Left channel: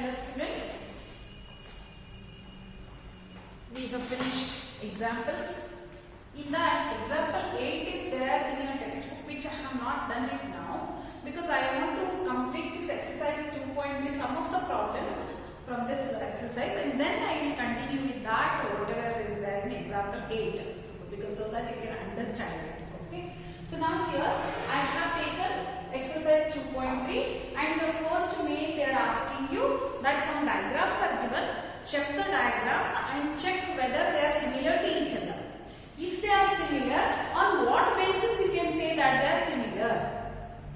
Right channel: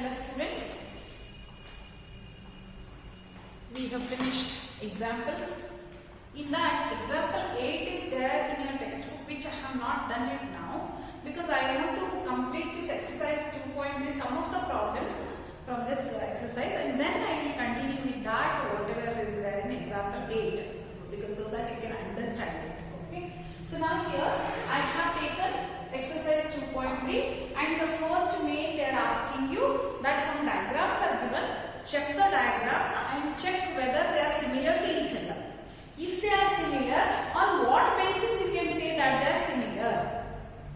Hello students, we have finished examples. In that, example 8 is there in your textbook, which I have not done it now because I want to complete this exercise 2.3, some of the problems from this exercise, and then I will continue with that whatever is there in example 8 so that you can understand it. Okay. So now here I have taken exercise 2.3 and the first main they are asking you that some diagrams are given. Check the diagrams and check whether they are similar to each other. If they are similar, on what basis you can say that they are similar?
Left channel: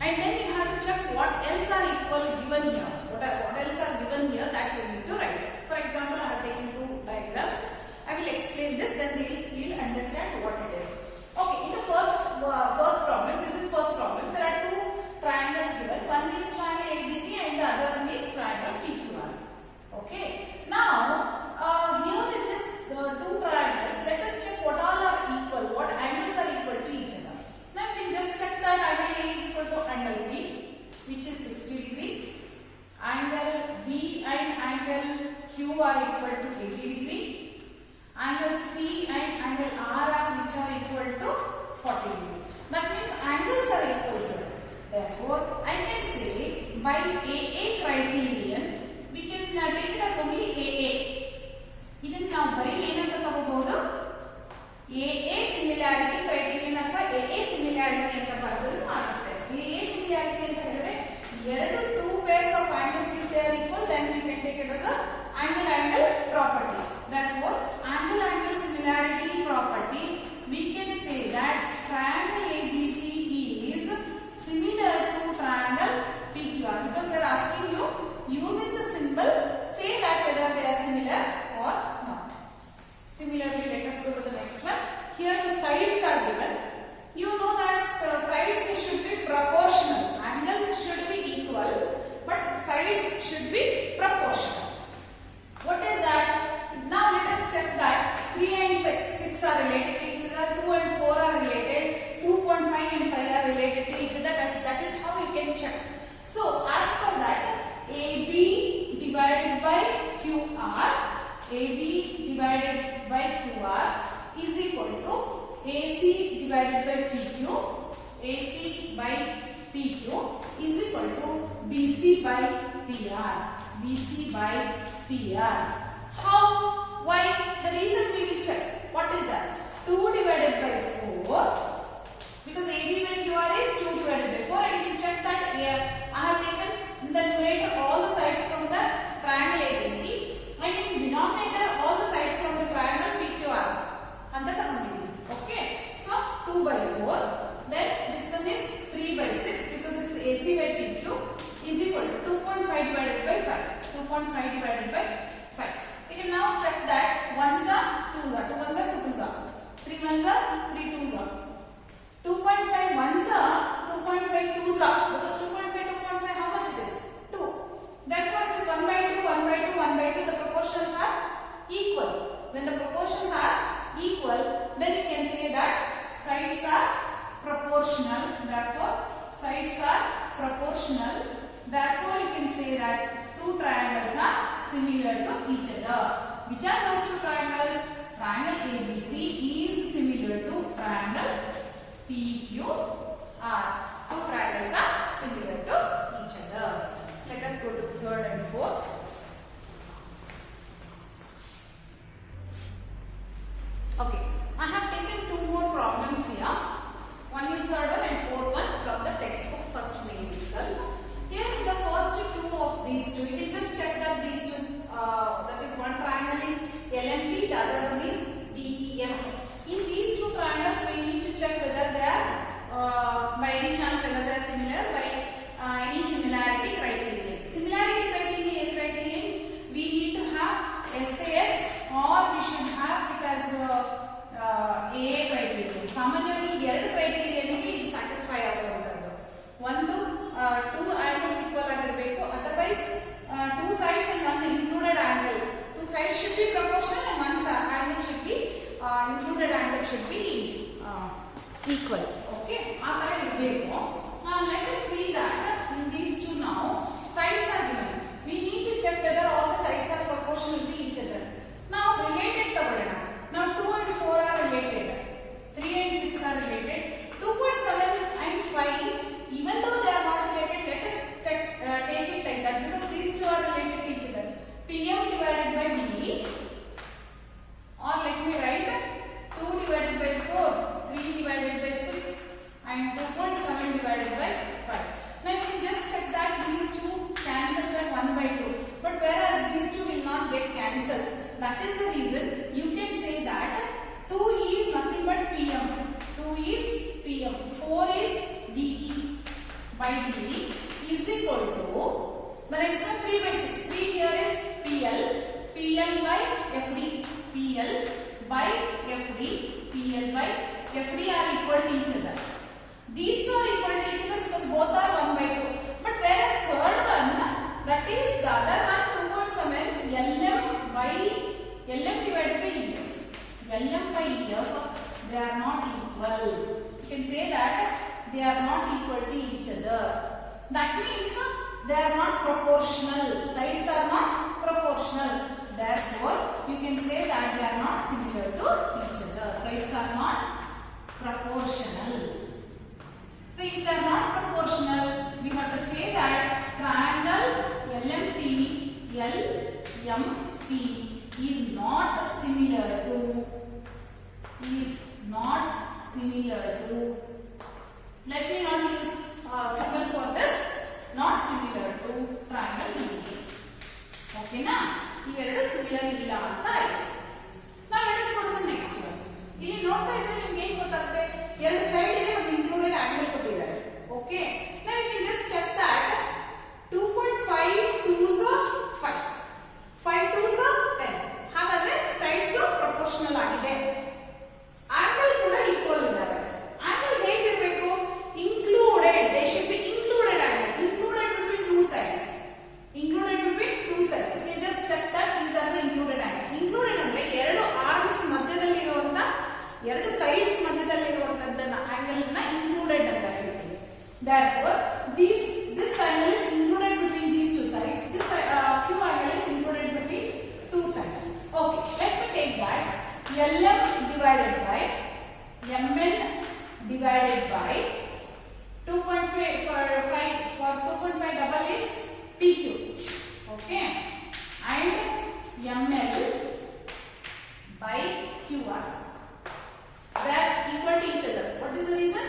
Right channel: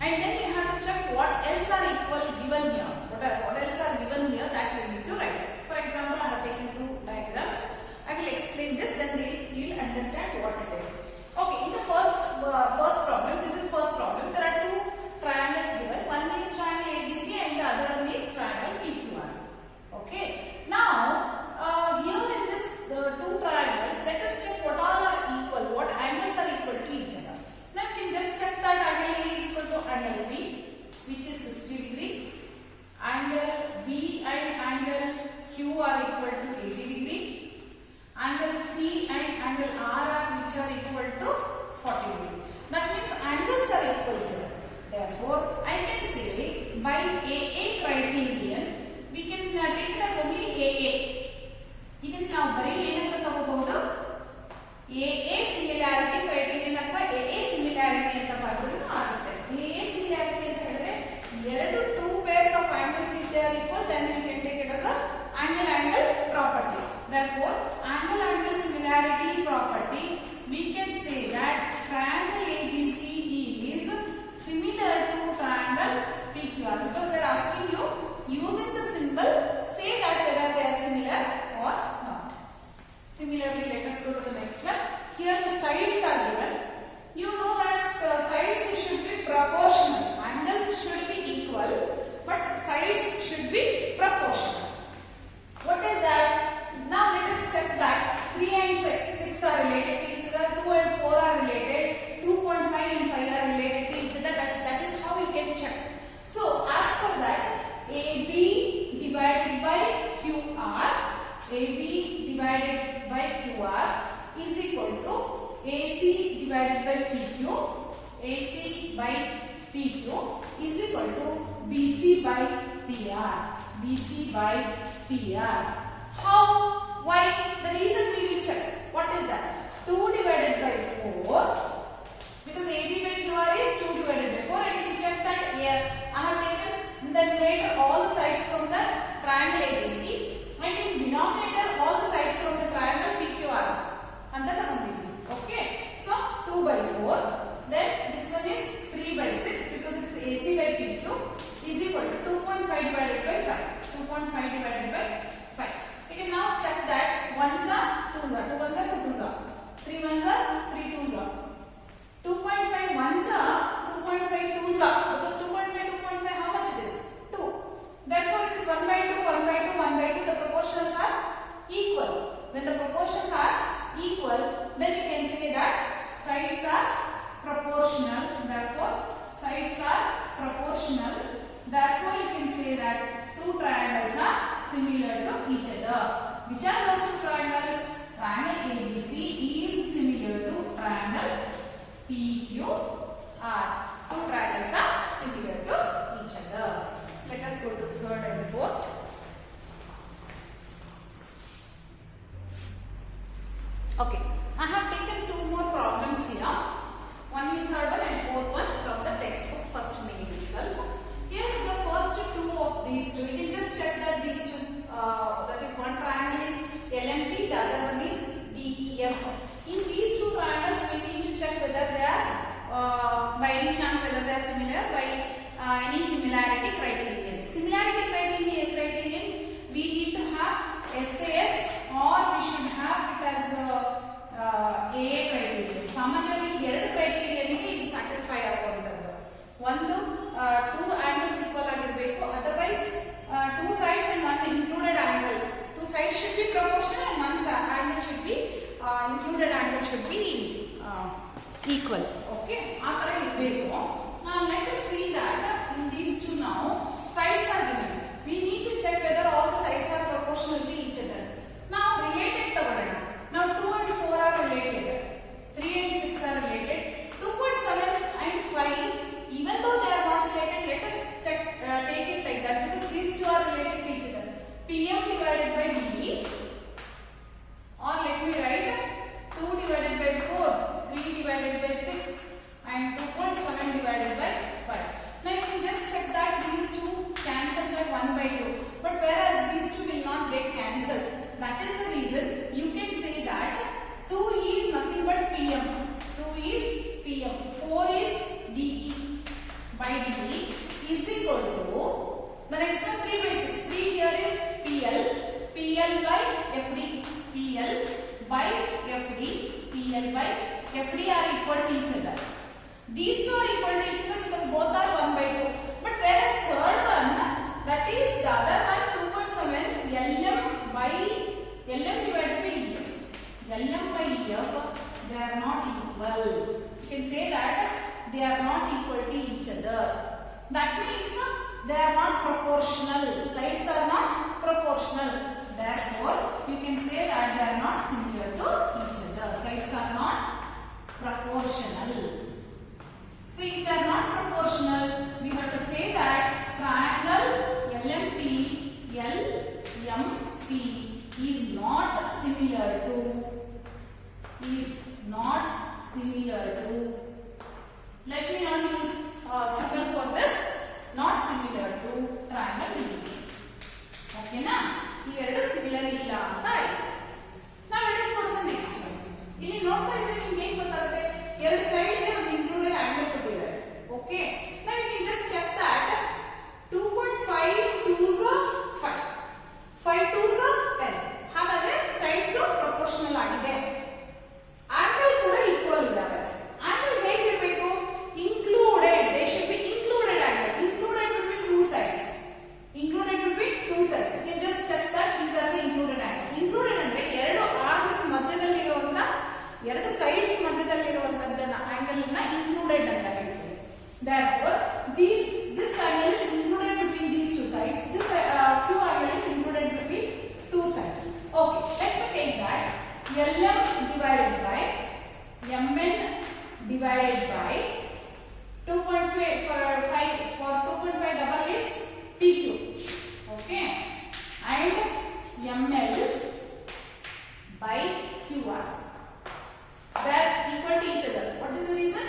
And then you have to check what else are equal given here. What else are given here that you need to write. For example, I have taken two diagrams. I will explain this, then you will understand what it is. Okay, in the first problem, this is first problem. There are two triangles given. One is triangle ABC and the other one is triangle PQR. Okay. Now, here in this two triangles, let us check what all are equal, what angles are equal to each other. Now, you can just check that angle A is equal to angle B, which is 60 degree. Angle B and angle Q are equal to 80 degree. Angle C and angle R are which are equal to 40 degree. That means angles are equal here. Therefore, I can say by AA criterion, we can take it as only AA. Even now, bari ಏನಂತ ತಗೋಬಹುದು AA similarity criterion ಅಥವಾ AA similarity ಅಂತ ಬರೆದರೂ ಆಗುತ್ತೆ. AA similarity ಅಂತ ಹೇಳಿದ್ರೆ ಎರಡು two pairs of angles if they are equal, then we can take it as a angle property. Therefore, angle similarity property, we can say that triangle ABC is similar to triangle PQR because they are asking you using the symbol say that whether they are similar or not. Similarly, let us go to the next one. Here the sides are given. You know that sides should be proportional. Angles should be equal, but sides should be proportional. What is that? Now let us check that 3 and 6 are related to each other, 2 and 4 are related, 2.5 and 5 are related to each other. That is how you can check. So as for that, AB divided by QR, AB divided by QR is equal to AC divided by PQ, AC by PQ is equal to BC by PR, BC by PR. How? Why? The reason we will check. What is that? 2 divided by 4. Because AB by QR is 2 divided by 4. And you can check that here. I have taken in the numerator all the sides from the triangle ABC. And in denominator all the sides from the triangle PQR. And the okay. So 2 by 4. Then this one is 3 by 6 because it is AC by PQ is equal to 2.5 divided by 5. 2.5 divided by 5. You can now check that 1s are 2s are, 2 1s are 2 2s are, 3 1s are 3 2s are, 2.5 1s are, 2.5 2s are, because 2.5 how much it is? 2. Therefore it is 1 by 2, 1 by 2, 1 by 2, the proportions are equal. When the proportions are equal, then you can say that sides are proportional. Therefore sides are proportional. Therefore you can say that two triangles are similar to each other. Which are those two triangles? Triangle ABC is similar to triangle PQR. Two triangles are similar to each other. Let us go to third and fourth. Okay, I have taken two more problems here. One is third one and fourth one from the textbook first meaning itself. Here in the first two of these two, you can just check that these two, that is one triangle is LMP, the other one is DEF. In these two triangles, we need to check whether they are, by any chance, whether they are similar by any similarity criterion. Similarity criterion 5D is equal to, the next one 3 by 6. 3 here is PL, PL by FD, PL by FD, PL by FD are equal to each other. These two are equal to each other because both are 1 by 2. But whereas third one, that is the other one 2.7, LM by LM divided by EF. LM by EF, they are not equal. You can say that they are not equal to each other. That means they are not proportional. Sides are not proportional. Therefore, you can say that they are not similar to each other. Sides are not proportional. So if they are not proportional, we have to say that triangle LMP, LMP is not similar to, let me not use symbol for this, not similar to triangle DE. Okay na? ಇವೆರಡು similar ಇಲ್ಲ ಅಂತ ಆಯ್ತು. ನಾವು ಎಣಿಸ್ಕೊಳ್ಳೋಣ next one. ಇಲ್ಲಿ ನೋಡ್ತಾ ಇದ್ರೆ ನಿಮ್ಗೆ ಏನ್ ಗೊತ್ತಾಗುತ್ತೆ, ಎರಡು ಸೈಡ್ ಇದೆ ಮತ್ತು ಇನ್ಕ್ಲೂಡೆಡ್ ಆಂಗಲ್ ಕೊಟ್ಟಿದ್ದಾರೆ. ಓಕೆ, ನಾವು you can just check that 2.5 2s are 5, 5 2s are 10. ಹಾಗಾದ್ರೆ ಸೈಡ್ಸ್ ಪ್ರಪೋರ್ಷನಲ್ ಆಗಿದೆ. ಆಂಗಲ್ ಕೂಡ ಈಕ್ವಲ್ ಇದಾವೆ. ಆಂಗಲ್ ಹೇಗಿರಬೇಕು? Included, they should be included angle, included between two sides, included between two sides. You just check that these are the included angles. Included ಅಂದ್ರೆ ಎರಡು arms ಮಧ್ಯದಲ್ಲಿ ಇರುವಂತ, ಎರಡು ಸೈಡ್ಸ್ ಮಧ್ಯದಲ್ಲಿ ಇರುವಂತದ್ದನ್ನ ಆಂಗಲ್ ನ included ಅಂತ ಹೇಳ್ತೀವಿ. Therefore, this angle is included between these two sides. This Q angle is included between two sides. Okay, let me take that. LM divided by MN divided by 2.5 for 2.5 double is PQ. Okay, and ML by QR, they are equal to each other. What is the reason?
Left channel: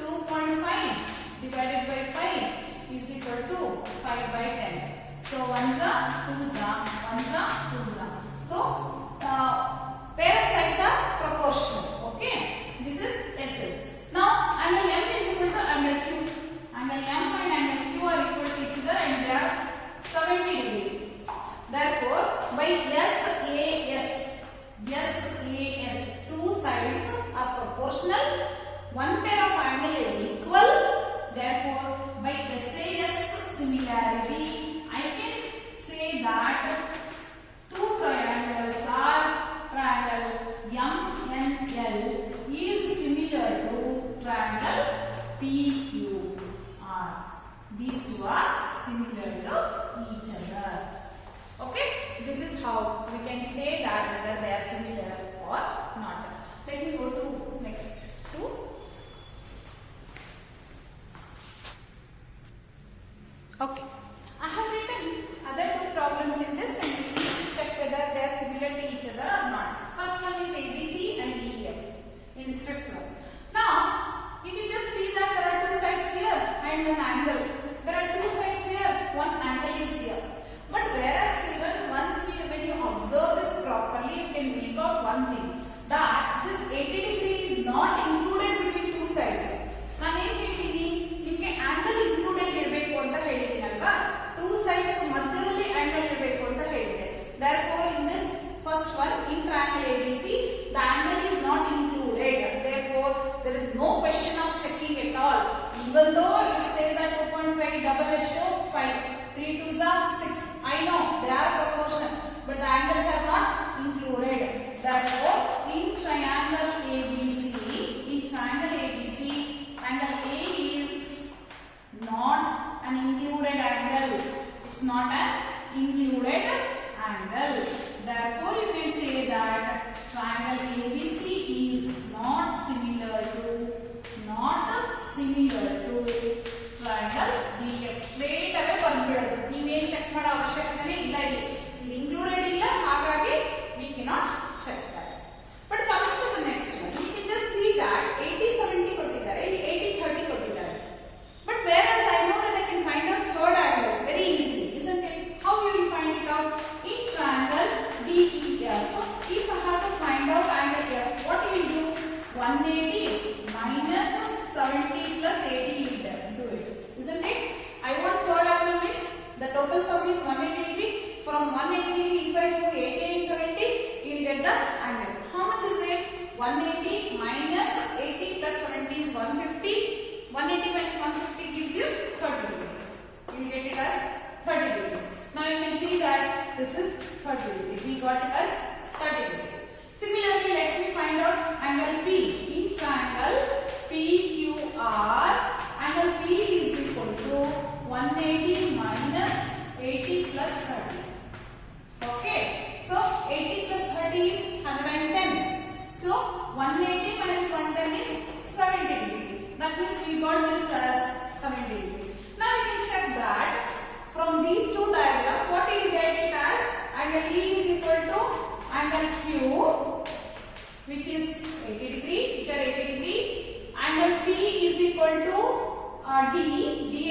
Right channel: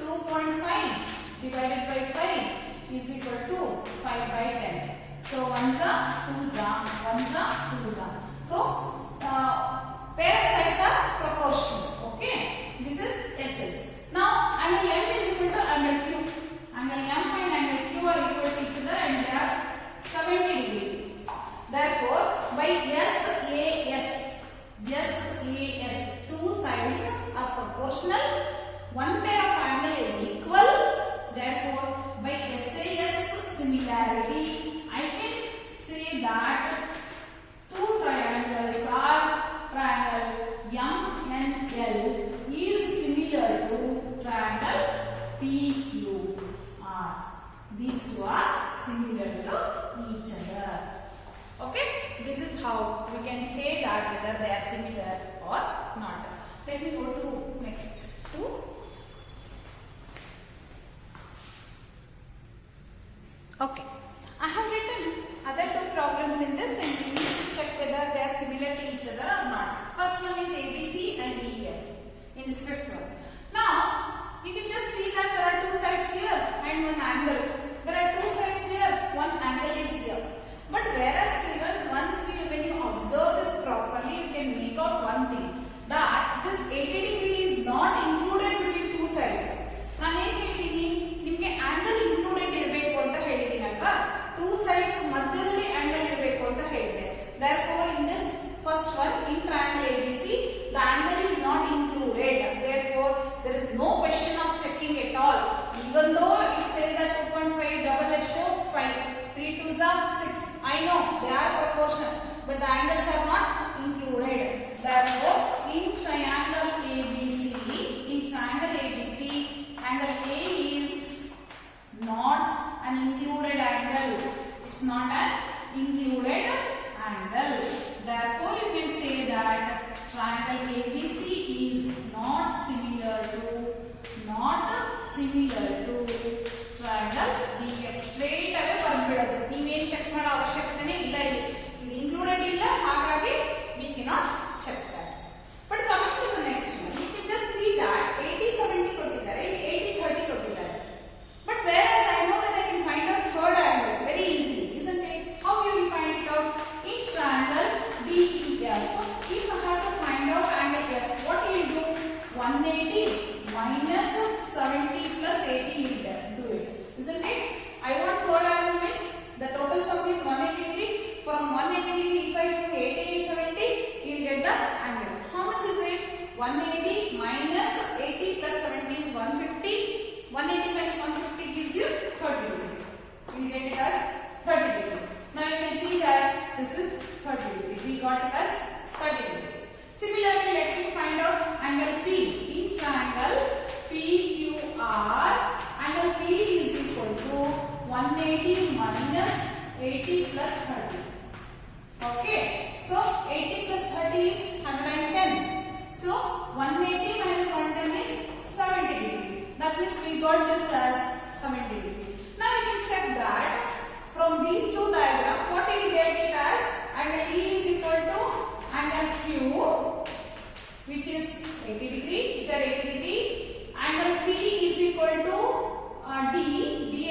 2.5 divided by 5 is equal to 5 by 10. So 1s are 2s are 1s are 2s are. So pair of sides are proportional. Okay, this is SS. Now angle M is equal to angle Q. Angle M and angle Q are equal to each other and they are 70 degree. Therefore, by SAS, two sides are proportional. One pair of angle is equal. Therefore, by SAS similarity, I can say that two triangles are triangle MNL is similar to triangle PQR. These two are similar to each other. Okay, this is how we can say that whether they are similar or not. Let me go to next two. Okay, I have written other two problems in this and we need to check whether they are similar to each other or not. First one is ABC and DEF in this fifth one. Now, you can just see that there are two sides here and one angle. There are two sides here, one angle is here. But whereas children, when you observe this properly, you can make out one thing, that this 80 degree is not included between two sides. ನಾನು ಏನು ಹೇಳಿದೀನಿ, ನಿಮಗೆ angle included ಇರಬೇಕು ಅಂತ ಹೇಳಿದೀನಲ್ವಾ, two sides ಮಧ್ಯದಲ್ಲಿ angle ಇರಬೇಕು ಅಂತ ಹೇಳಿದೆ. Therefore, in this first one, in triangle ABC, the angle is not included. Therefore, there is no question of checking at all. Even though it says that 2.5 double H2 5, 3 2s are 6. I know they are proportional, but the angles are not included. Therefore, in triangle ABC, angle A is not an included angle. It's not an included angle. Therefore, you can say that triangle ABC is not similar to triangle DF. Straight away ಬಂದ್ಬಿಡೋದು, ನೀವೇನು check ಮಾಡೋ ಅವಶ್ಯಕತೆ ಇಲ್ಲ. ಇದು included ಇಲ್ಲ, ಹಾಗಾಗಿ we cannot check that. But coming to the next one, you can just see that 80-70 ಕೊಟ್ಟಿದ್ದಾರೆ, ಇಲ್ಲಿ 80-30 ಕೊಟ್ಟಿದ್ದಾರೆ. But whereas I know that I can find out third angle very easily, isn't it? How you will find it out? In triangle DEF, if I have to find out angle F, what do you do? 180 minus 70 plus 80 you do it. 180 minus 80 plus 30. Okay, so 80 plus 30 is 110. So 180 minus 110 is 70 degree. That means we got this as 70 degree. Now we can check that from these two diagrams, what we get it as angle E is equal to angle Q, which is 80 degree, which are 80 degree. Angle P is equal to D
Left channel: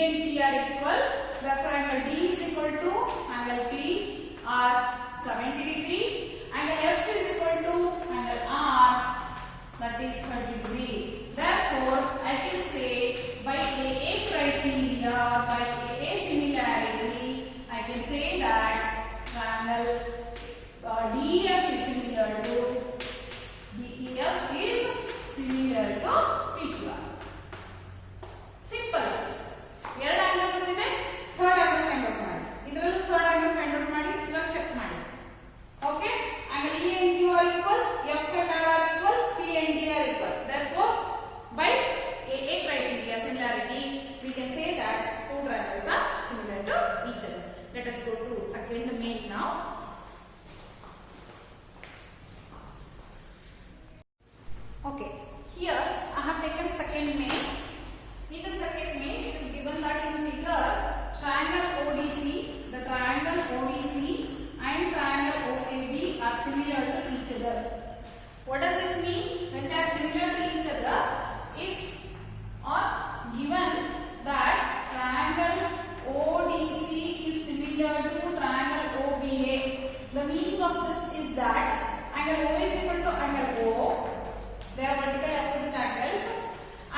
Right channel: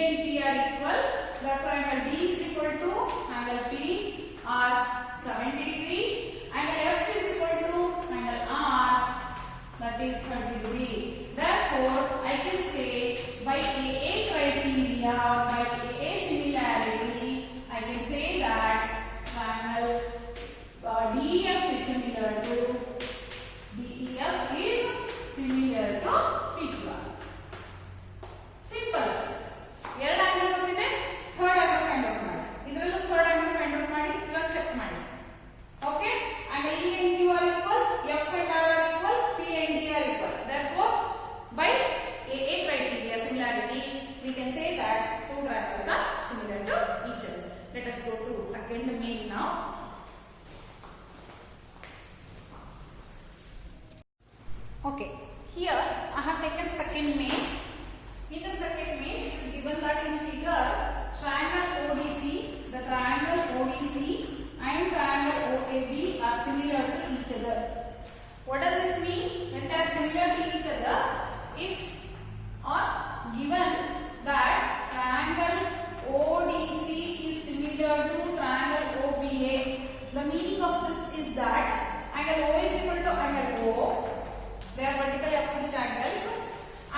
and P are equal. Therefore, angle D is equal to angle P are 70 degree. Angle F is equal to angle R, that is 30 degree. Therefore, I can say by AA criteria, by AA similarity, I can say that triangle DEF is similar to PQR. Simple. ಎರಡು angle ಗೊತ್ತಿದೆ, third angle find out ಮಾಡಿ. ಇದರಲ್ಲೂ third angle find out ಮಾಡಿ, ಇವಾಗ check ಮಾಡಿ. Okay? Angle E and Q are equal, F and R are equal, P and D are equal. Therefore, by AA criteria similarity, we can say that two triangles are similar to each other. Let us go to second main now. Okay, here I have taken second main. In the second main, it is given that in figure, triangle ODC, the triangle ODC and triangle OAB are similar to each other. What does it mean when they are similar to each other? If or given that triangle ODC is similar to triangle OBA, the meaning of this is that angle O is equal to angle O. They are vertically opposite angles.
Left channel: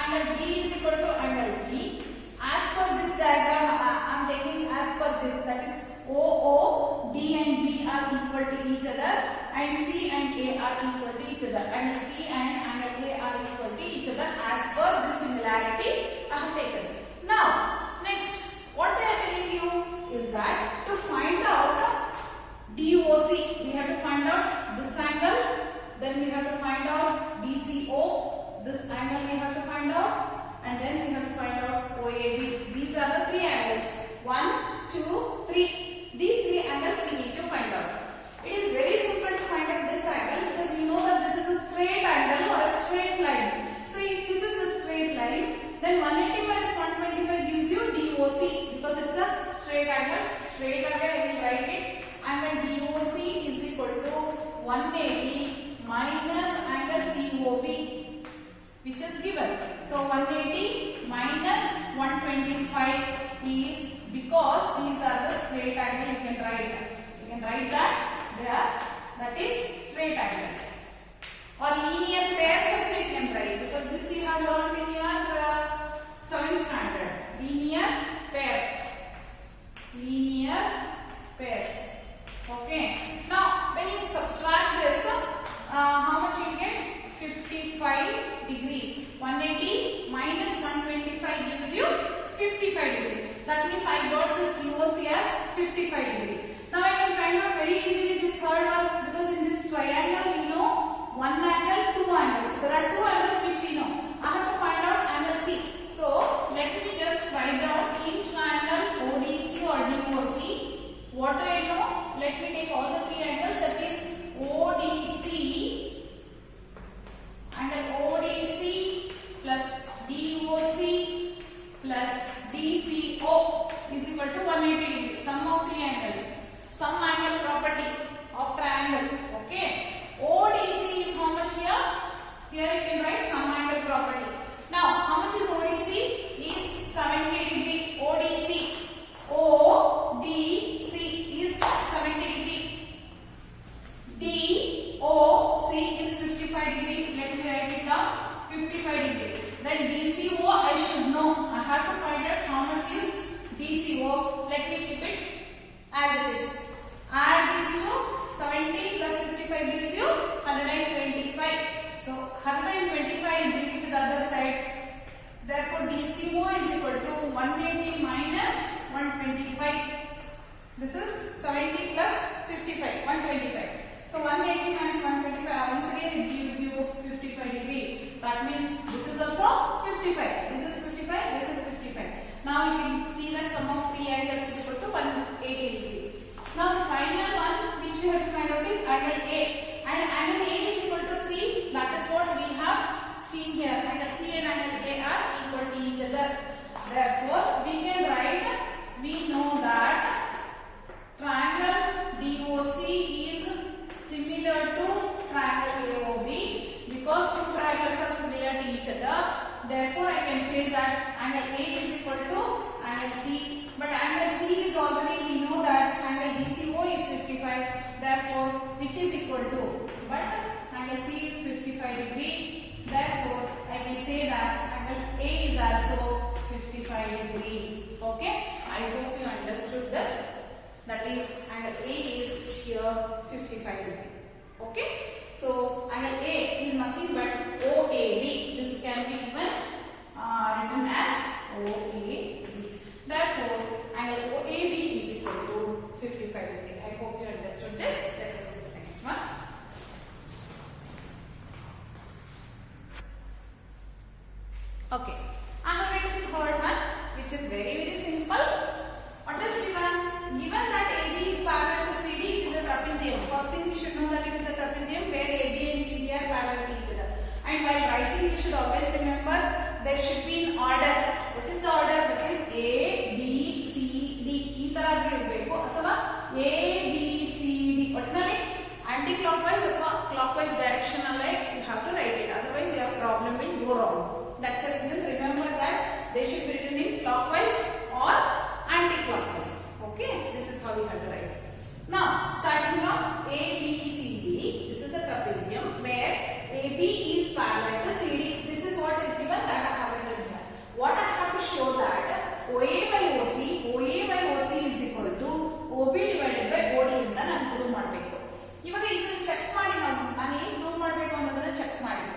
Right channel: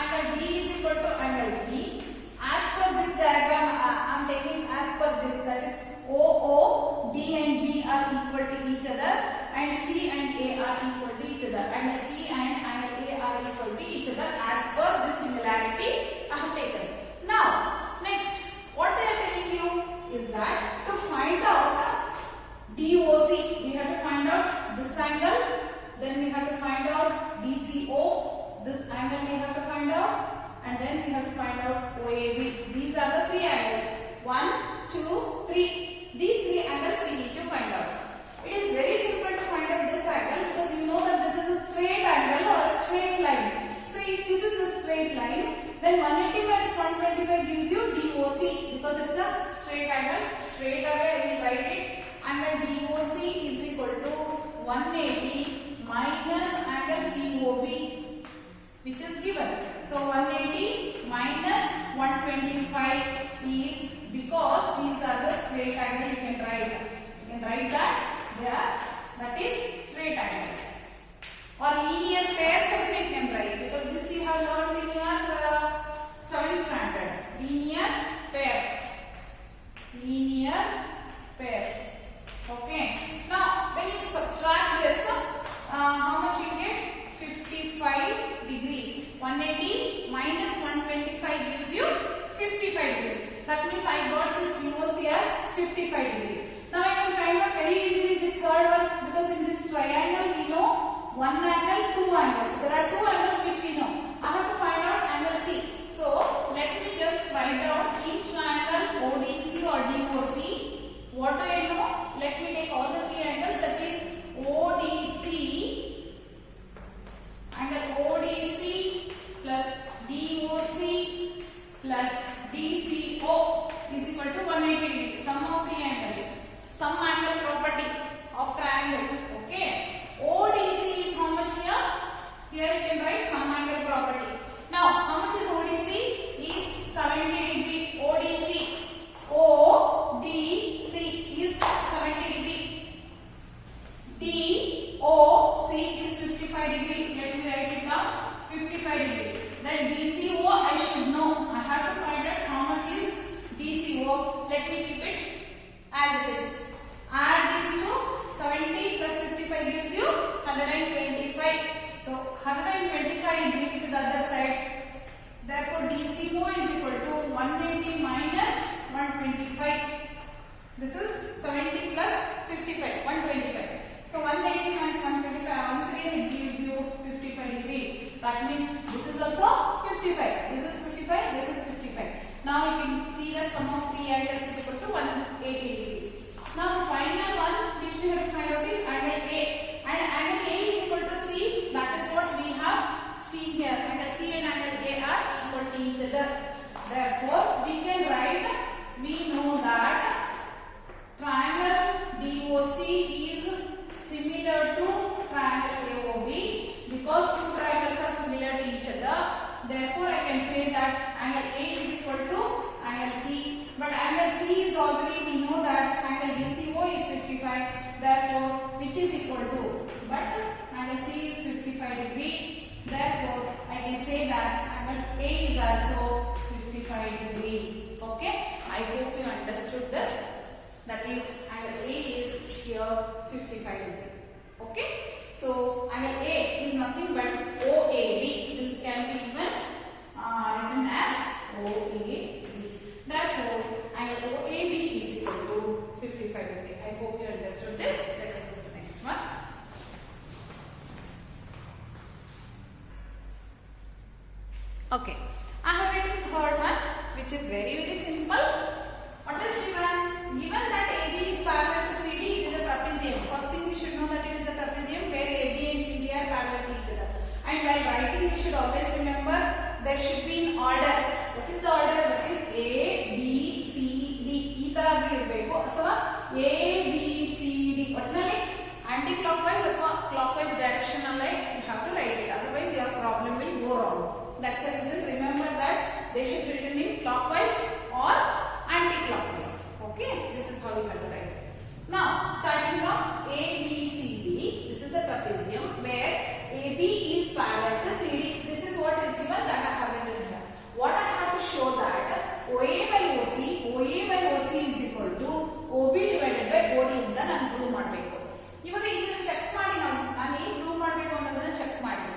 Angle B is equal to angle B. As per this diagram, I am taking as per this, that is OO, D and B are equal to each other, and C and A are equal to each other, and C and angle A are equal to each other as per this similarity I have taken. Now, next, what they are telling you is that to find out DOC, we have to find out this angle. Then we have to find out DCO, this angle we have to find out, and then we have to find out OAB. These are the three angles. 1, 2, 3. These three angles we need to find out. It is very simple to find out this angle because you know that this is a straight angle or a straight line. So if this is a straight line, then 180 minus 125 gives you DOC because it's a straight angle. Straight angle, I will write it. Angle DOC is equal to 180 minus angle COB, which is given. So 180 minus 125 is, because these are the straight angle, you can write that they are, that is straight angles. Or linear pairs also you can write, because this you have learned in your 7th standard. Linear pair. Okay. Now when you subtract this, how much you get? 55 degree. 180 minus 125 gives you 55 degree. That means I got this DOC as 55 degree. Now I can find out very easily this third one, because in this triangle we know one angle, two angles. There are two angles which we know. I have to find out angle C. So let me just write down in triangle ODC or DOC. What do I know? Let me take all the three angles, that is ODC, angle ODC plus DOC plus DCO is equal to 180 degree. Sum of three angles. Sum angle property of triangle. Okay. ODC is how much here? Here you can write sum angle property. Now, how much is ODC? Is 70 degree. ODC. ODC is 70 degree. DOC is 55 degree. Let me write it down. 55 degree. Then DCO I should know. I have to find out how much is DCO. Let me keep it as it is. Add these two. 70 plus 55 gives you 125. So 125 bring it to the other side. Therefore DCO is equal to 1 that sum of three angles is equal to 180 degree. Now the final one which we have to find out is angle A, and angle A is equal to C. That is what we have seen here. Angle C and angle A are equal to each other. Therefore we can write, we know that triangle DOC is similar to triangle AOB because two triangles are similar to each other. Therefore I can say that angle A is equal to angle C. But angle C is already, we know that angle DCO is 55. Therefore which is equal to, but angle C is 55 degree. Therefore I can say that angle A is also 55 degree. Okay, I hope you understood this. That is angle A is here 55 degree. Okay, so angle A is nothing but OAB. This can be given written as OAB. Therefore angle OAB is equal to 55 degree. I hope you understood this. Let us go to the next one. Okay, I have written third one, which is very simple. What is given? Given that AB is parallel to CD, it is a trapezium. First thing we should know that it is a trapezium where AB and CD are parallel to each other. And while writing, you should always remember there should be in order. What is the order? That is A, B, C, D. ಈ ತರ ಇರಬೇಕು ಅಥವಾ A, B, C, D. ಒಟ್ಟಿನಲ್ಲಿ anti-clockwise ಅಥವಾ clockwise direction ಅಲ್ಲಿ you have to write it. Otherwise, your problem will go wrong. That's the reason. Remember that they should be written in clockwise or anti-clockwise. Okay, this is how you have to write. Now, starting from A, B, C, D, this is a trapezium where AB is parallel to CD. This is what is given that I have written here. What I have to show that OA by OC is equal to OB divided by OD ಅಂತ ನಾನು prove ಮಾಡಬೇಕು. ಇವಾಗ ಇದನ್ನ check ಮಾಡಿ ನಾನು ಏನು prove ಮಾಡಬೇಕು ಅನ್ನೋದನ್ನ ಚೆಕ್ ಮಾಡಿ.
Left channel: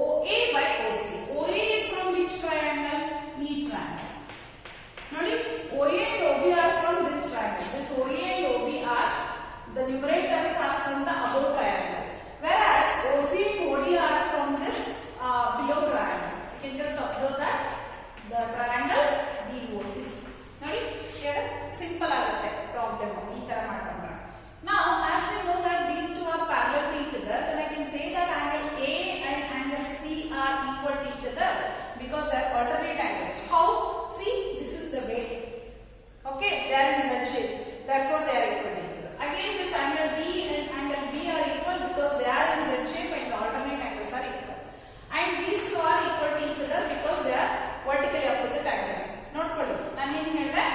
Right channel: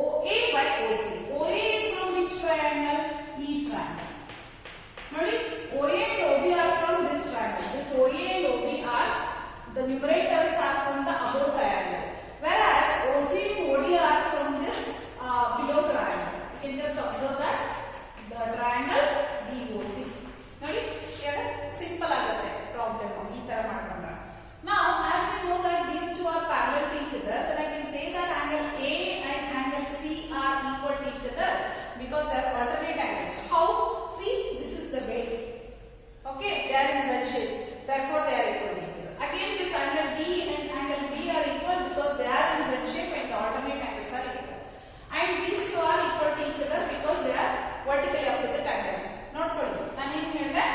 OA by OC. OA is from which triangle? E triangle. ನೋಡಿ, OA and OB are from this triangle. This OA and OB are, the numerators are from the above triangle. Whereas OC and OD are from this below triangle. You can just observe that the triangle DOC. ನೋಡಿ, here simple ಆಗುತ್ತೆ problem ಈ ತರ ಮಾಡ್ಕೊಂಡ್ರೆ. Now, as we know that these two are parallel to each other, then I can say that angle A and angle C are equal to each other because they are alternate angles. How? See, this is the way. Okay, they are in Z shape. Therefore, they are equal to each other. Again, this angle D and angle B are equal because they are in Z shape and the alternate angles are equal. And these two are equal to each other because they are vertically opposite angles. Note kodi. ನಾನು ಏನು ಹೇಳಿದೆ?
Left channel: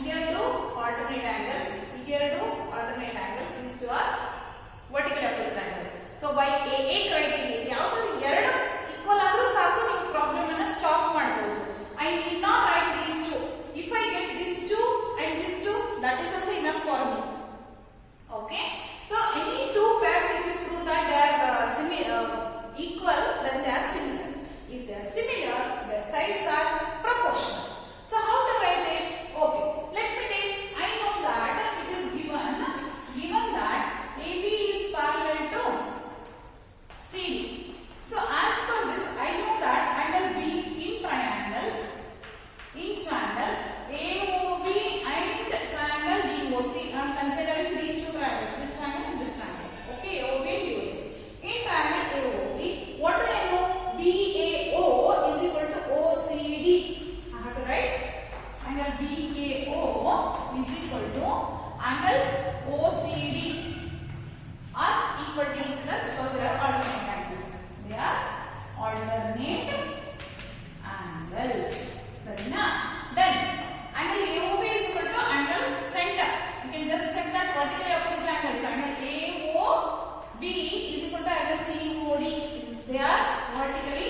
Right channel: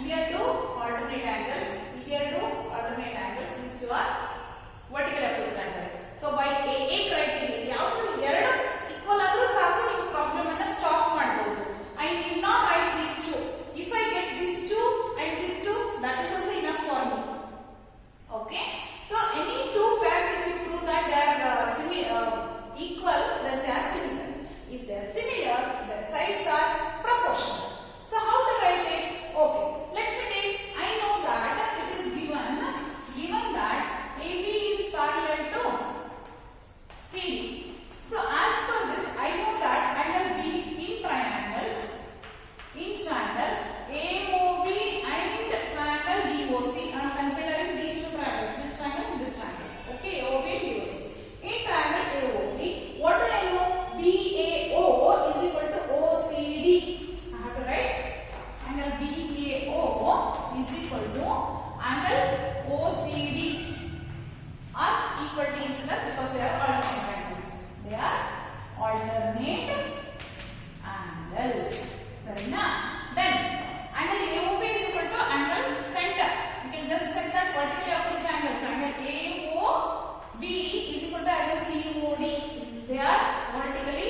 Here two alternate angles. Here two alternate angles. These two are vertically opposite angles. So by AA criteria, ಯಾವುದು ಎರಡು equal ಆದರೂ ಸಾಕು, ನೀವು problem ಅನ್ನು stop ಮಾಡಬಹುದು. I need not write these two. If I get these two and this two, that is also enough for me. Okay. So any two pairs, if you prove that they are equal, then they are similar. If they are similar, their sides are proportional. So how to write it? Okay. Let me take. I know that it is given that AB is parallel to CD. So as per this, I know that angle B in triangle AOB and triangle DOC. I am considering these two triangles, this triangle and this triangle. Okay, AOB and DOC. In triangle AOB, what do I know? BAO is equal to OCD. I have to write angle BAO is equal to angle OCD are equal to each other because they are alternate angles. They are alternate angles. Sarina? Then angle AOB is equal to angle center. You can just check that vertically opposite angles. Angle AOB is equal to angle COD. They are vertically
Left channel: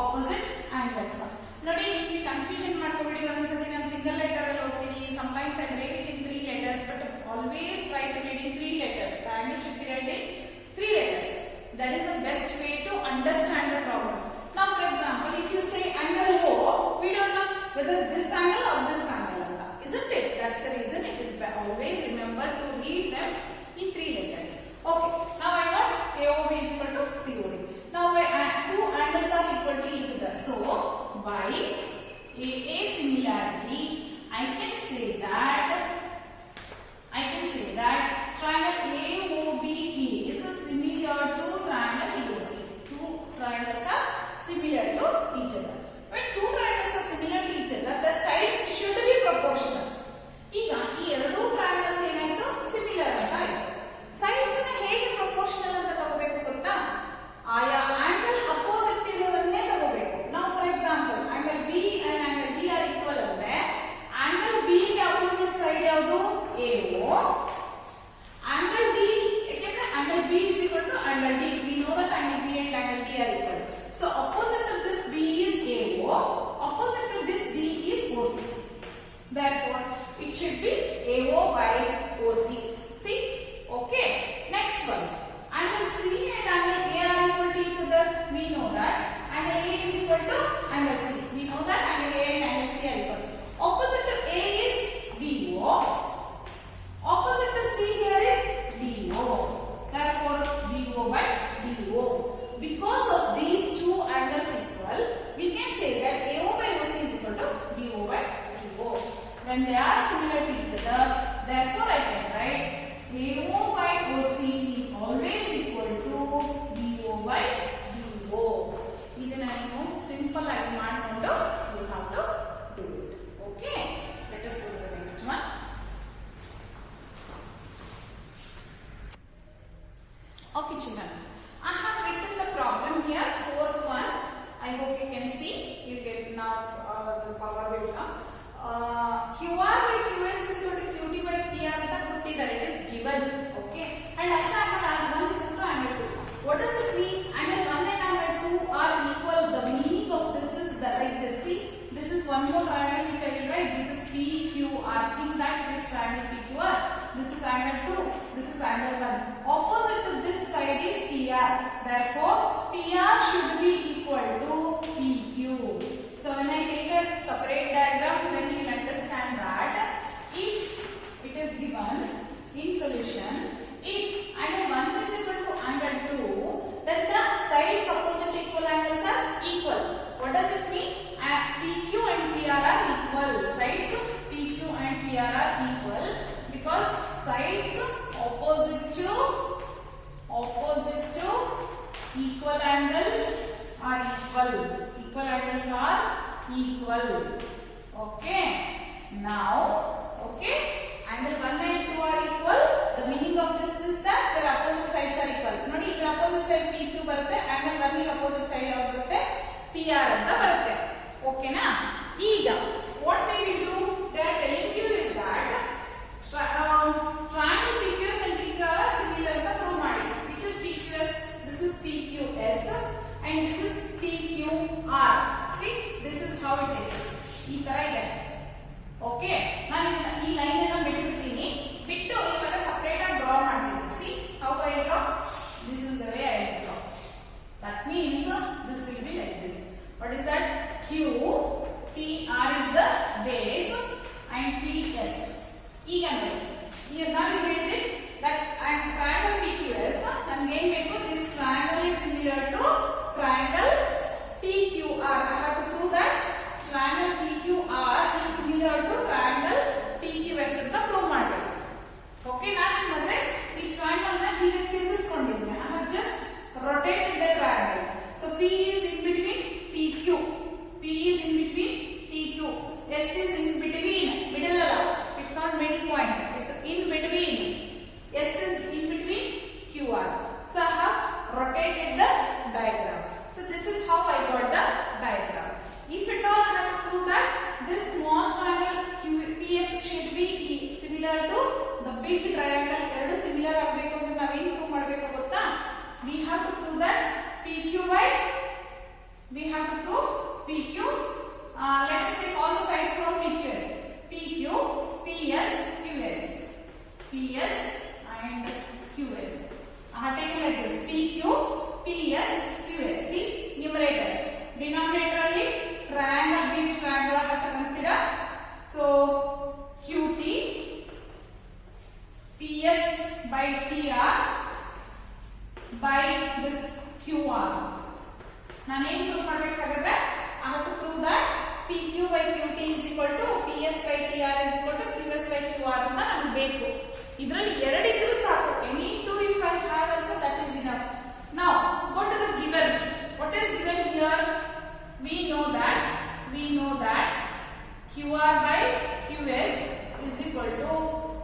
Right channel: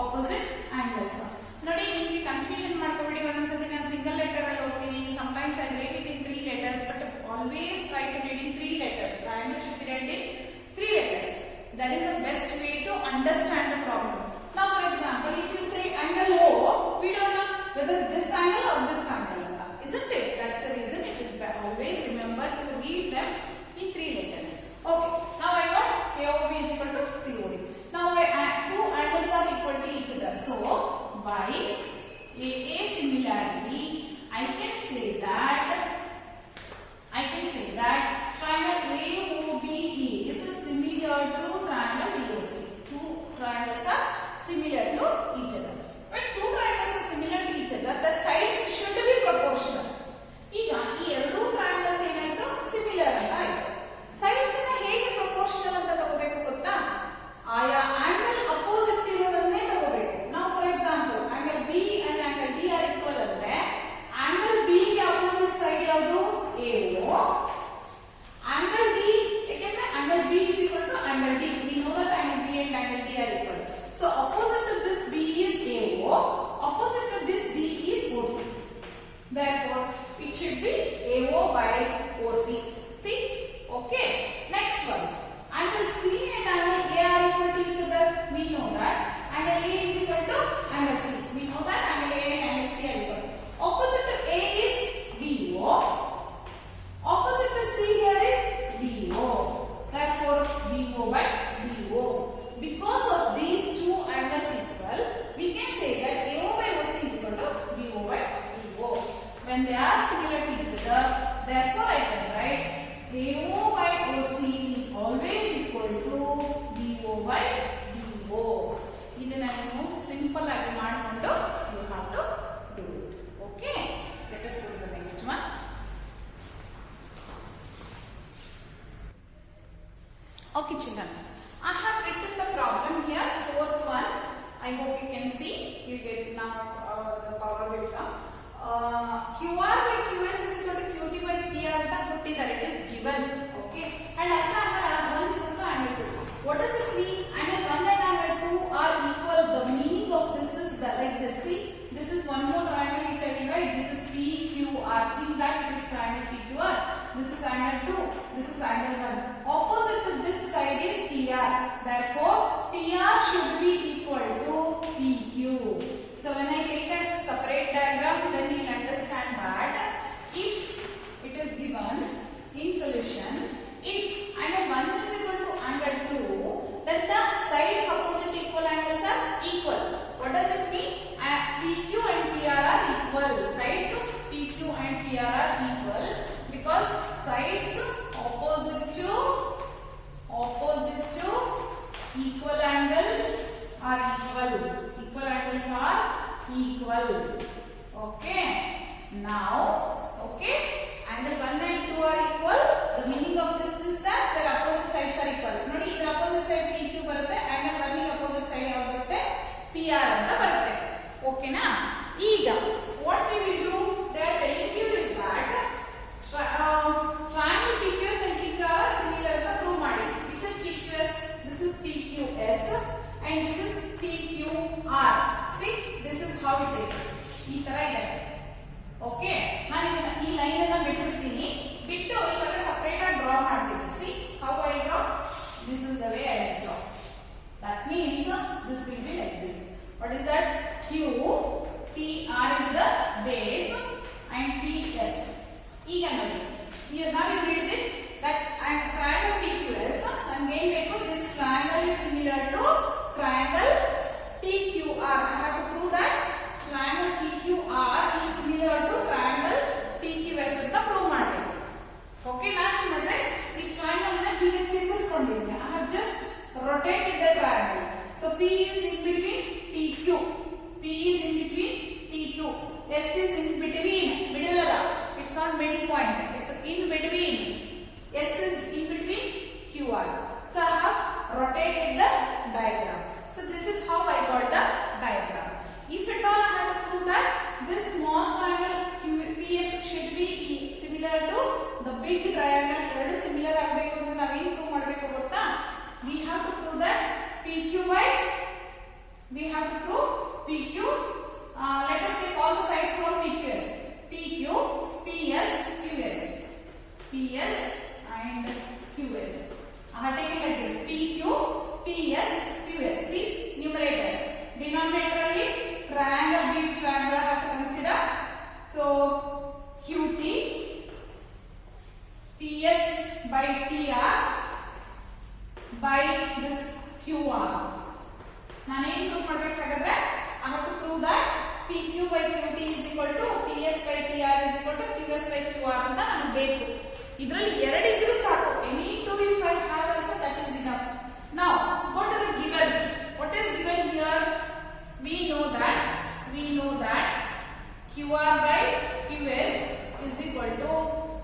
opposite angles. ನೋಡಿ, ನಿಮಗೆ confusion ಮಾಡ್ಕೊಬೇಡಿ. ಒಂದೊಂದ್ಸತಿ ನಾನು single letter ಅಲ್ಲಿ ಹೋಗ್ತೀನಿ. Sometimes I write it in 3 letters, but always try to read in 3 letters. The angle should be read in 3 letters. That is the best way to understand the problem. Now, for example, if you say angle O, we don't know whether this angle or this angle, isn't it? That's the reason it is always remember to read them in 3 letters. Okay. Now I got AOB is equal to COD. Now two angles are equal to each other. So by AA similarity, I can say it should be AO by OC. See? Okay. Next one. Angle C and angle A are equal to each other. We know that. Angle A is equal to angle C. We know that angle A and angle C are equal. Opposite to A is BO. Opposite to C here is DO. Therefore, BO by DO. Because of these two angles equal, we can say that AO by OC is equal to DO by DO. When they are similar to each other, therefore I can write AO by OC is always equal to DO by DO. This is simple and you have to do it. Okay? Let us go to the next one. Okay, children. I have written the problem here, fourth one. I hope you can see. You get now the power will come. QR by QS is equal to QT by PR. That it is given. Okay. And also angle 1 is equal to angle 2. What does it mean? Angle 1 and angle 2 are equal. The meaning of this is that like this. See, this is one more triangle which I will write. This is PQR. Think that this triangle PQR. This is angle 2. This is angle 1. Opposite to this side is PR. Therefore, PR should be equal to PQ. So when I take a separate diagram, then you will understand that if it is given in solution, if angle 1 is equal to angle 2, then the sides opposite equal angles are equal. What does it mean? PQ and PR are equal. Sides PQ and PR are equal because sides opposite to equal angles are equal. Equal angles are equal. Okay. Now, okay, angle 1 and 2 are equal. The meaning of this is that their opposite sides are equal. Nodi, idra opposite side PQ barutte, angle 1 ಗೆ opposite side ಯಾವುದು ಬರುತ್ತೆ? PR ಅಂತ ಬರುತ್ತೆ. Okay na? ಈಗ what we will do? They are telling you is that triangle PQS and PQR are similar ಅಂತ prove ಮಾಡಿ. Which is PQS? This is PQS and this is PQR. See, this is how it is. ಈ ತರ ಇದೆ. Okay, ನಾನು ಈ line ಅನ್ನು ಬಿಟ್ಟು ಇವಾಗ ಸಪರೇಟ್ ಆಗಿ ಡ್ರಾ ಮಾಡ್ತೀನಿ. C how I draw? This is the way I draw. That means this will be like this. What is that? Q T R is the base and PS. ಈಗ ನೋಡಿ, here now you read it that triangle PQS ನನಗೆ ಏನು ಬೇಕು? This triangle is similar to triangle PQR. I have to prove that triangle PQR is similar to triangle PQS ಅಂತ prove ಮಾಡಬೇಕು. Okay, ನಾನು ಏನು ಮಾಡಿದೆ? ಈ ಟ್ರಯಾಂಗಲ್ ನ ಹೀಗೆ ತಿರುಗಿಸ್ಕೊಂಡಿದ್ದೀನಿ. I have just rotated the triangle. So P is in between PQ. P is in between PQ. S is in between. Middle alla. It's not middle point. It's in between. S is in between QR. So I have rotated the diagram. So this is how I got the diagram. If at all I have to prove that this small triangle PS should be similar to the big triangle, ಎರಡು similar ಆಗಬೇಕು ಅಂದ್ರೆ ನಾವು ಏನು prove ಮಾಡಬೇಕು ಗೊತ್ತಾ? We have to prove that PQ by PQ. Let us take all the sides from PQS. PQ, PS, QS. PS and QS. I have taken like this. PQ, PS, QS. See, numerators. Denominator alli triangle, big triangle I have to consider. So QT, PS by TR by this QR. ನಾನು ಏನು prove ಮಾಡಬೇಕಾದ್ರೆ I have to prove that PQ by QT is equal to PS by TR is equal to QS by QR ಅಂತ ನನಗೆ ಬೇಕು. ಇದರಲ್ಲಿ ಎರಡು ಇದ್ರೂ ಸಾಕು. Any two if I have also that is enough. Now go to the given. What is given here? We know that QR by QS is equal to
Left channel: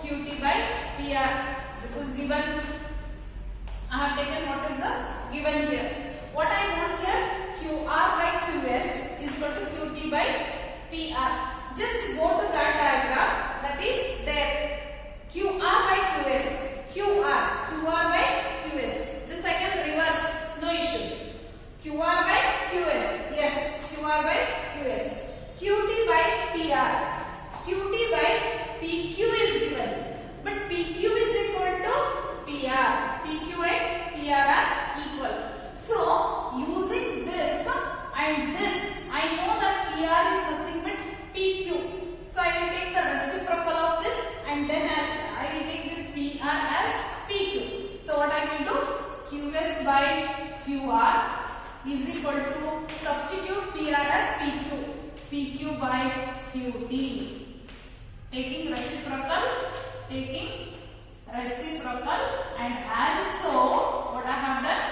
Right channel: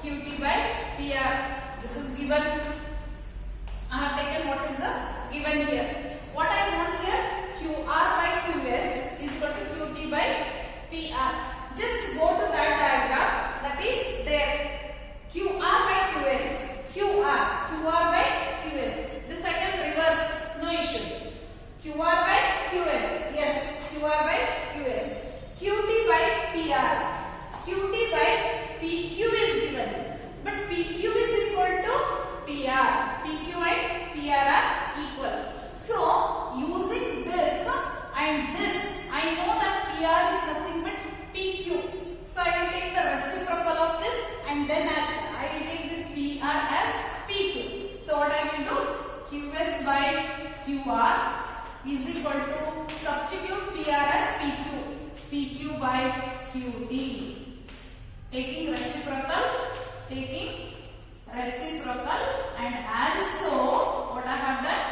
QT by PR. This is given. I have taken what is the given here. What I want here? QR by QS is equal to QT by PR. Just go to that diagram that is there. QR by QS. QR by QS. This I can reverse. No issue. QR by QS. Yes, QR by QS. QT by PR. QT by PR PR. PQ and PR are equal. So using this and this, I know that PR is nothing but PQ. So I will take the reciprocal of this and then I will take this PR as PQ. So what I will do? QS by QR is equal to substitute PR as PQ. PQ by QT. Taking reciprocal and also what I have done?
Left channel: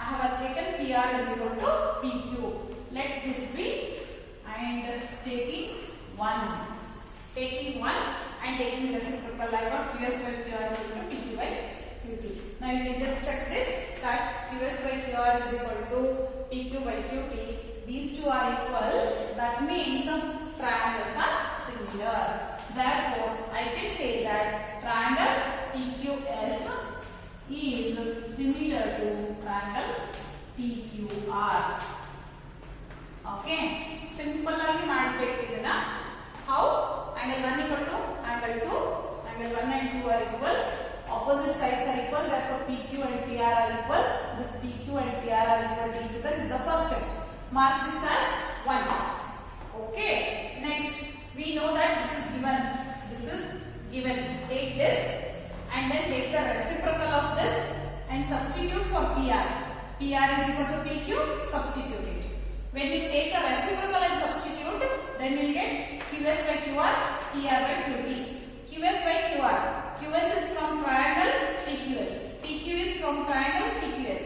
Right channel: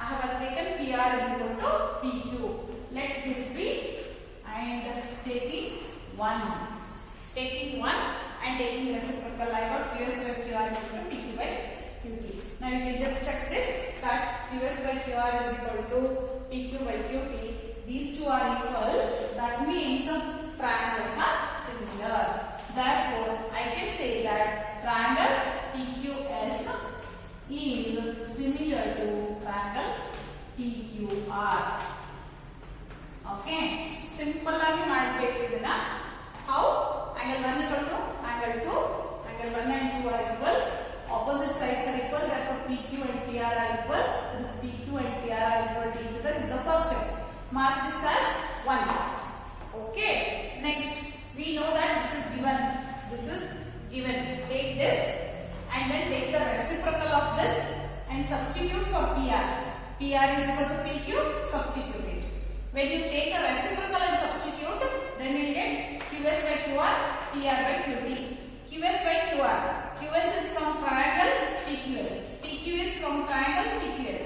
I have taken PR is equal to PQ. Let this be and taking 1 and taking reciprocal. I got QS by QR is equal to PQ by QT. Now you can just check this that QS by QR is equal to PQ by QT. These two are equal. That means triangles are similar. Therefore, I can say that triangle PQS is similar to triangle PQR. Okay, simple agi ಮಾಡಬೇಕು ಇದನ್ನ. How? Angle 1 equal to angle 2. Angle 1 and 2 are equal. Opposite sides are equal. Therefore, PQ and PR are equal. This PQ and PR are equal to each other is the first step. Mark this as 1. Okay. Next, we know that this is given. Take this and then take the reciprocal of this and substitute for PR. PR is equal to PQ. Substitute it. When you take a reciprocal and substitute, then you get QS by QR, PR by QT. QS by QR. QS is from triangle PQS. PQ is from triangle PQS.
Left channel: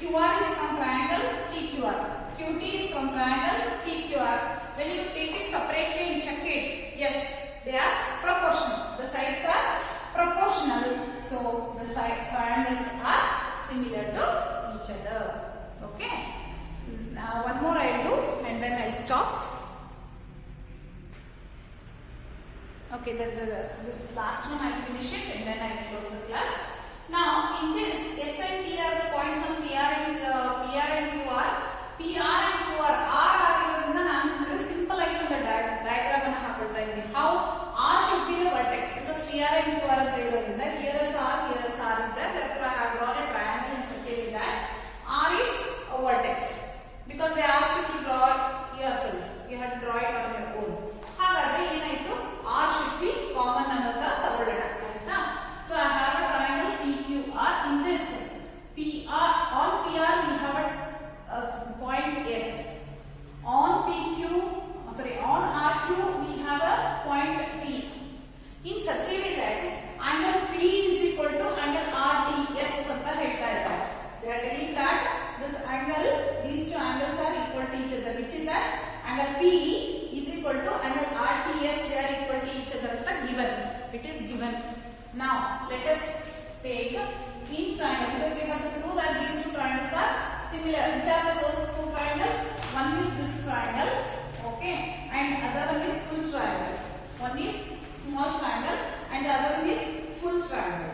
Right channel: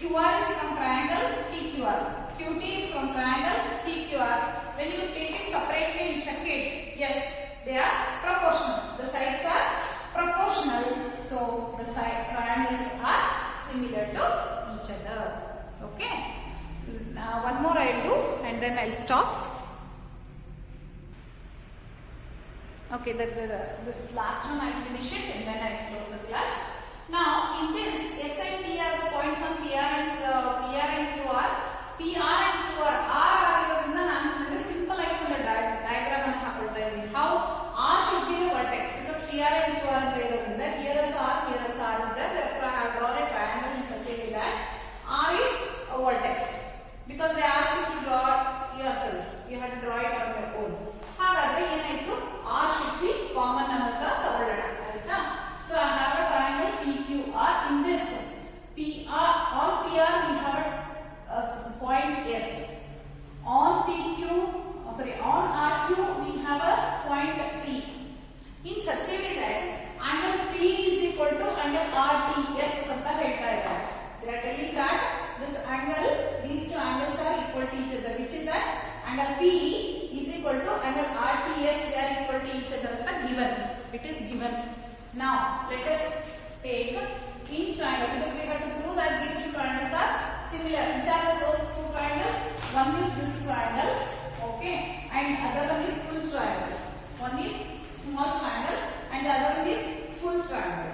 QR is from triangle PQR. QT is from triangle PQR. When you take it separately and check it, yes, they are proportional. The sides are proportional. So the triangles are similar to each other. Okay. One more I will do and then I will stop. Okay, this last one I will finish it and then I will close the class. Now in this S and T are the points on PR and QR. PR and QR R ಆಗಿರೋದ್ರಿಂದ ನಾನು simple ಆಗಿ ಒಂದು diagram ಅನ್ನು ಹಾಕೊಳ್ತಾ ಇದ್ದೀನಿ. How R should be the vertex because PR and QR ಅಂತ ಇರೋದ್ರಿಂದ here also R is there. Therefore I have drawn a triangle in such a way that R is a vertex because they asked you to draw yourself. You have to draw it on your own. ಹಾಗಾದ್ರೆ ಏನಾಯ್ತು? R should be common ಅಂತ ತಗೊಳ್ಳೋಣ ಆಯ್ತಾ? So I have a triangle PQR. In this PR on PR we have a point S. On RQ we have a point P. In such a way that angle P is equal to angle RTS ಅಂತ ಹೇಳ್ತಾ ಇದ್ದಾರೆ. They are telling that this angle, these two angles are equal to each other. Which is that angle P is equal to angle RTS. They are equal to each other ಅಂತ given. It is given. Now let us take each triangle because we have to prove that these two triangles are similar. Which are those two triangles? One is this triangle, okay, and other one is full triangle. One is small triangle and the other one is full triangle.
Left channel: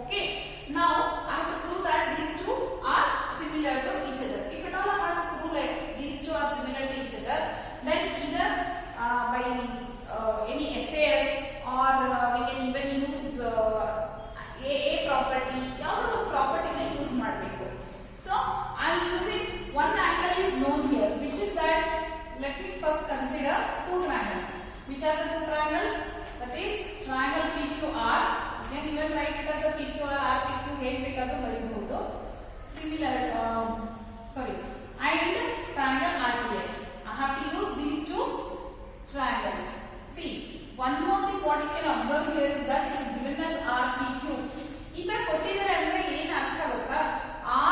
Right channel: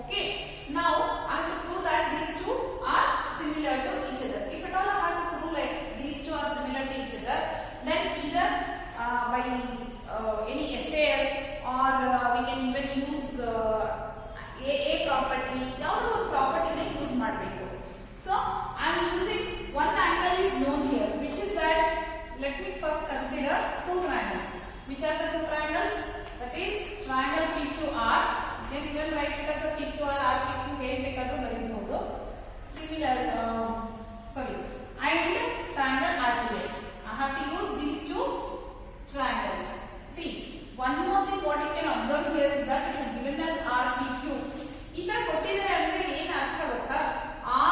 Okay. Now I have to prove that these two are similar to each other. If at all I have to prove like these two are similar to each other, then either by any SAS or we can even use AA property. ಯಾವುದೋ ಒಂದು ಪ್ರಾಪರ್ಟಿನ use ಮಾಡಬೇಕು. So I am using one angle is known here, which is that let me first consider two triangles. Which are the two triangles? That is triangle PQR. Then you will write it as a PQR, RPQ ಹೇಗೆ ಬೇಕಾದರೂ ಬರೆಯಬಹುದು. Similar, and triangle RTS. I have to use these two triangles. See, one more thing what you can observe here is that it is given as RPQ. ಈ ತರ ಕೊಟ್ಟಿದ್ದಾರೆ ಅಂದ್ರೆ ಏನು ಅರ್ಥ ಗೊತ್ತಾ?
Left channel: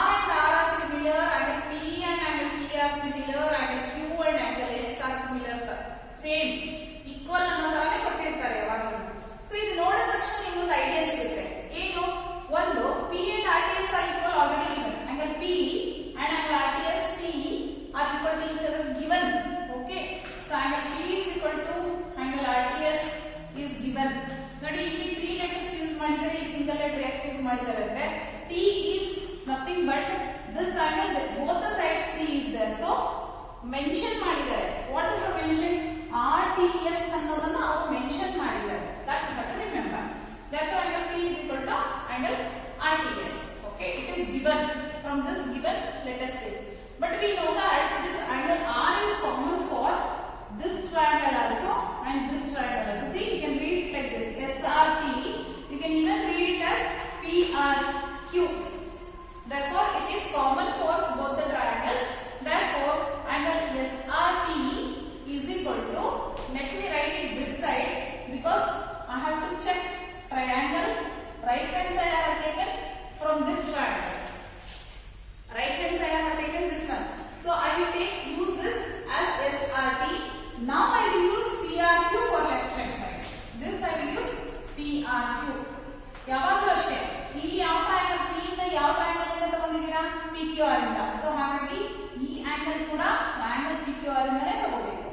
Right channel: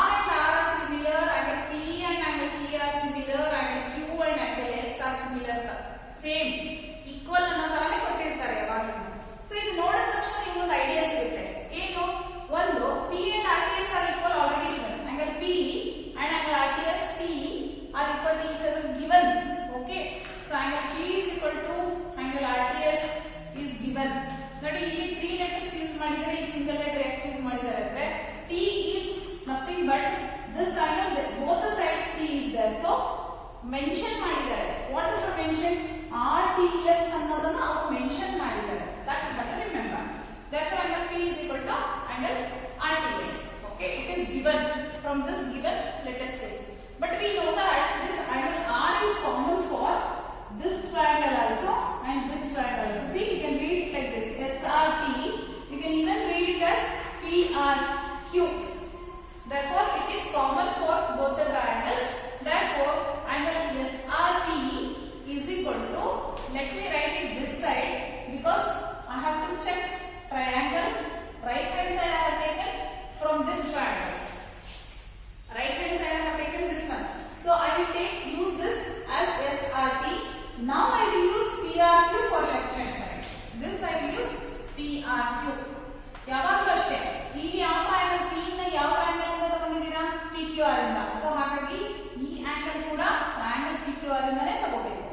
R and R are similar, angle P and angle T are similar, angle Q and angle S are similar. Same, equal ಅನ್ನೋದನ್ನೇ ಕೊಟ್ಟಿರ್ತಾರೆ ಯಾವಾಗಲೂ. So ಇದು ನೋಡಿದ ತಕ್ಷಣ ನಿಮಗೆ ಐಡಿಯಾ ಸಿಗುತ್ತೆ. ಏನು? ಒಂದು P and RTS are equal already given. Angle P and angle RTS T are equal to each other given. Okay. So angle P is equal to angle RTS is given. ನೋಡಿ ಇಲ್ಲಿ 3 letters use ಮಾಡಿದರೆ ಈ single letter ಯಾಕೆ use ಮಾಡಿದ್ದಾರೆ ಅಂದ್ರೆ T is nothing but this angle, both the sides T is there. So mention ಮಾಡಿದ್ದಾರೆ. What they have mentioned? RTS ಅನ್ನೋದನ್ನ ಅವರು ಮೆನ್ಷನ್ ಮಾಡಿದ್ದಾರೆ. That you have to remember. Therefore angle P is equal to angle RTS. given. From this given, let us take. But we know that this angle R is common for this triangle also and this triangle also. See, you can read it like this, SRT. You can even read it as PRQ. Therefore, it is common for both the triangles. Therefore, angle SRT is equal to, let me write it this side because I have to check triangle. Right hand side I have taken from this triangle. Right hand side I have taken this one. So I will use this as SRT. Now I will use PRQ for left hand side. This I will use PRQ. ಯಾವಾಗಲೂ ಅಷ್ಟೇ ಇಲ್ಲಿ ಯಾವ triangle P ಇಂದ ಯಾವ triangle ಇಂದ ತಗೊಂಡಿದ್ದೀರಾ PQR ಇಂದ. So ಹಾಗಾಗಿ ಈ ಆಂಗಲ್ ಕೂಡ ಟ್ರಯಾಂಗಲ್ PQR ಇಂದನೇ ತಗೋಬೇಕು.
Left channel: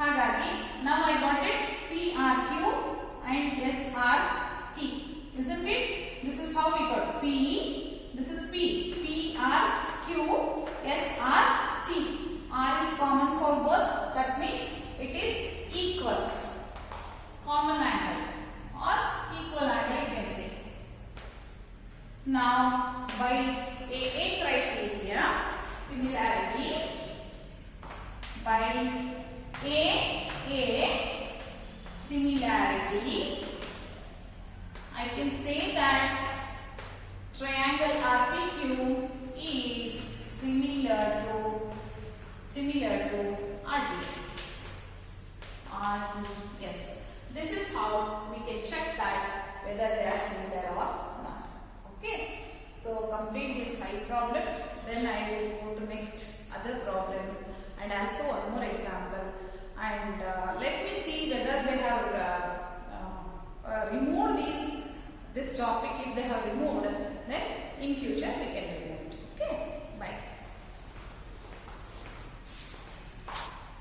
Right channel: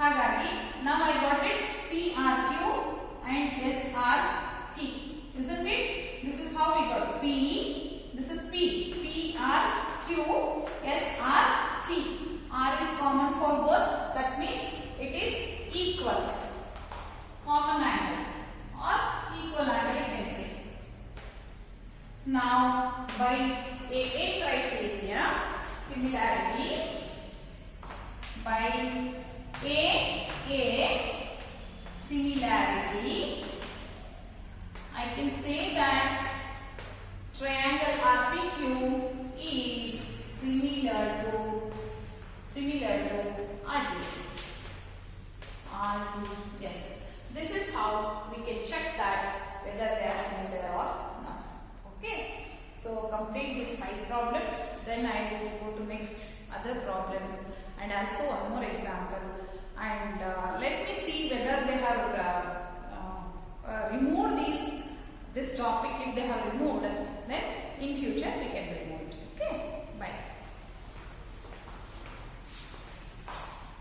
ಹಾಗಾಗಿ now I got it PRQ and SRT. Isn't it? This is how we got P. This is P. PRQ SRT. R is common for both. That means it is equal. Common angle or equal angle you can say. Now by AA criteria, similarity by AA similarity, I can say that triangle RPQ is similar to RDS. Yes. This is how we can check that whether they are similar or not. Okay. So complete these 5 problems. Then I will go to next other problems and also one more example. And let me see whether they have removed this topic. If they have removed, then in future